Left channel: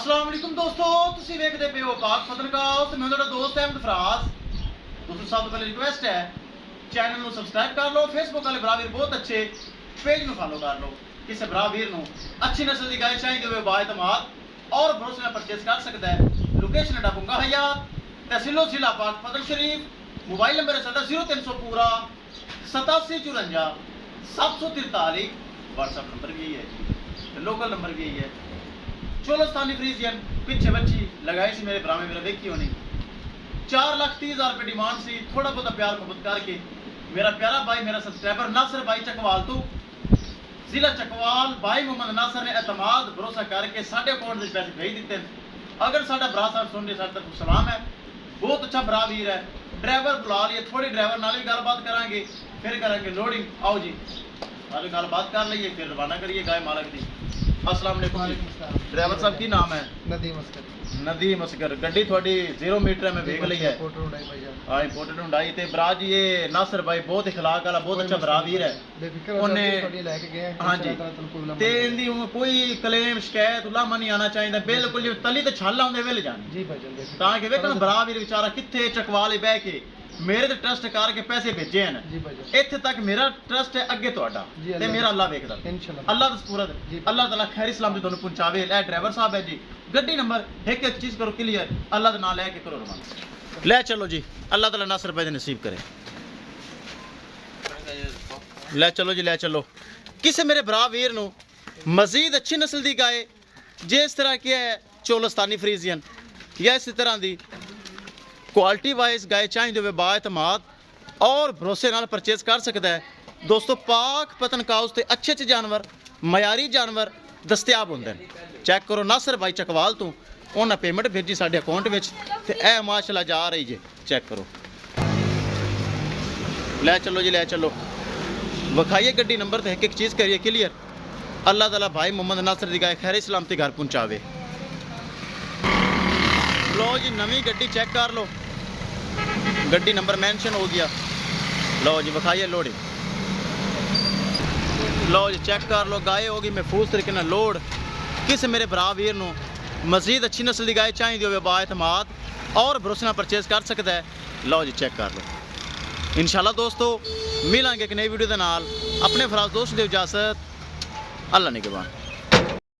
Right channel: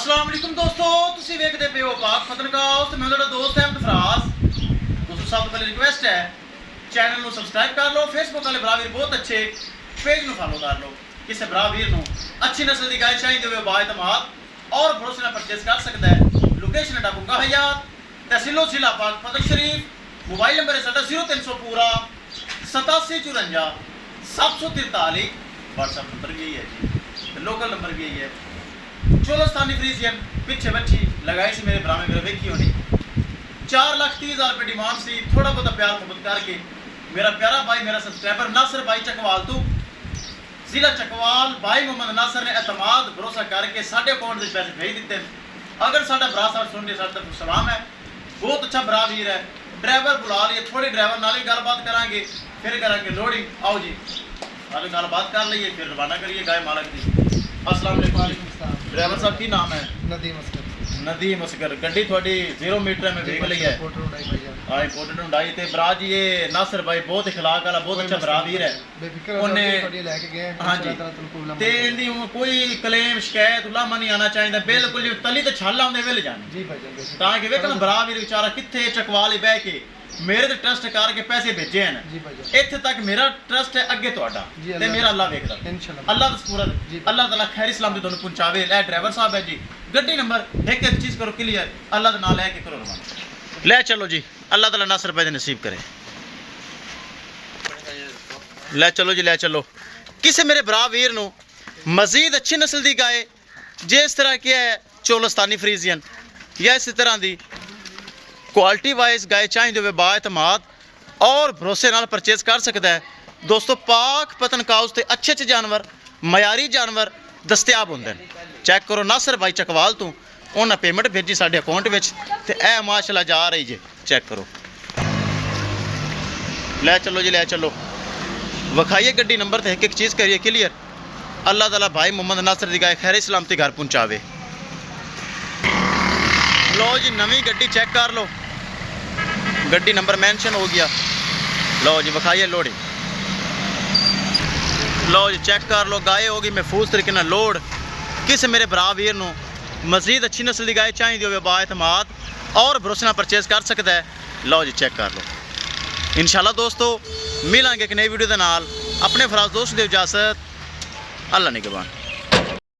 अस्सलाम वालेकुम दोस्तों, तुसी वेखदे पे हो पाक पतनकाओ ते मैं तुहाडा दोस्त अहमद फराज। दोस्तों सब तो पहले रिक्वेस्ट है चैनल ਨੂੰ ਸਬਸਕ੍ਰਾਈਬ ਕਰ ਲਓ। ਫੇਸਬੁੱਕ ਵਾਲੇ ਭਰਾ ਵੀਰ ਬਹੁਤ ਅੱਛੇ पेज ਨੂੰ ਫਾਲੋ ਕਰ ਲਓ। ਕਿਸੇ ਭਰਾ ਵੀਰ ਨੂੰ ਅੱਛੀ ਨਸਲ ਦੀ ਗਾਂ ਚਾਹੀਦੀ ਹੋਵੇ ਬਾਇਤਮਾਦ और भरोसे ਨਾਲ ਪਰਚੇਸ ਕਰ ਸਕਦਾ ਹੈ। ਲੋਕੇਸ਼ਨ ਹੈ ਡਾਬੂਗਾ ਹਯਾਤ, ਤਹਿਸੀਲ ਜ਼ਿਲ੍ਹਾ ਪਾਕ ਫਤਿਹ ਸ਼ਰੀਫ। मोबाइल नंबर है साढ़ा 0300 पूरा 8754 743। व्हाट्सएप नंबर भी यही है जी, लोकल नंबर भी यही है। चोलस्तानी फ्रीजियन पिछे बच्ची लगाई सी मेरे भरा में मेरा वेखी होनी 4,30,000 रुपये डिमांड सी। थोड़ा बहुत प्यार मोहब्बत करके मेरा प्यारा भाई मेरा सब्सक्राइबर नासर भाई चकवाल तो जिला चकवाल भाई मोहम्मद नासर ने एतमाद भरोसा करके साढ़े अकाउंट में पैसे भेज दिते। अगर साढ़ा भरा साहब सुन रहे साढ़े तरफ सलाम है, बहुत अच्छा भरा वीर है। ड्राइवर बुला लिए, थोड़ी ड्राइवर नाल ही गलबात करांगे, फिर करांगे लोडिंग। आओ जी नाल गलबात कर लीए, फिर रवाना करिए गाय मालक दी। अस्सलाम वालेकुम। ड्राइवर साहब की नाम है? नदीम असगर। नदीम असगर। गड्डी थोड़ी 0 मीटर में वेख ली है। हां इंपोर्टेड हुंडाई ते भरा जी ये नासर भाई बहुत इखलाक वाला बहुत अच्छा भरा वीर है। बेफिक्र ਉਹਨੇ थोड़ी लेके गए हाँ जी ते इंदी कोई क्लेम शिकायत उलामा नहीं आना चाहिए, बिल्कुल जी तली ते छल आंदे वेले जाने जी भाईजान बेशक। ताकि वेखन भरा वीर बेचारा किथे चकवाल ही बह के मेरे ते ट्रस्ट करके पैसे भेजे हैं जी भाईजान। इत्थे तक मेरा ट्रस्ट है, अगे तुहाडा जी, ते मेरा अल्लाह वेखदा इंशाल्लाह अल्लाह दा पूरा जी। अल्लाह ताला खैर इस्लाम दी तुहानू पहुंचावे। ए ड्राइवर साहब है जी, गड्डी नंबर एक चीज करो क्लियर, अल्लाह दा नाम लेके करो रवाना। ले चलो जी, अल्लाह ताला नासर भाई दे नसीब करे। ले चलो जी, ले चलो। किसी मेरे भरा वीर नू मजीद अच्छी नस्ल दी गाय जिस तरह की है चोलस्तानी फ्रीजियन या इस तरह दी क्वालिटी वाइज गाय चाहिए होवे बाएतमाद और भरोसे नाल परचेज कर सकता है। दोस्तों पाक पतनकाउस ते अच्छे अच्छे जानवर मयारी जानवर दस्तियाब होंदे ने। चेक करो नासर भाई चकवाल तो उन्हें पेमेंट भेजी साढ़े अकाउंट में ते ए माशाल्लाह जा रही जे। चेक करो, ले चलो जी ले चलो। विखाइए गड्डी नंबर ते एक चीज़ करिए क्लियर। अल्लाह ताला भाई मोहम्मद नासर दी गाय खैर सलामती घर पहुँचावे। लो जी नवी गड्डी चेक कर लो, गड्डी नंबर मेंशन हो गया। लो जी विखाइए लोडिंग। लो जी चेक कर लो, गाय होगी महफूज तरीके नाल लोड। किस मेरे भरा वीर नू मजीद अच्छी नस्ल की गाय चाहिए होवे बाएतमाद और भरोसे नाल परचेज कर सकता है। लो जी चेक कर लो। इंशाल्लाह दोस्तों मिलांगे एक नई वीडियो के नाल। अपने फराज दोस्त दे इजाजत, अल्लाह निगहबान।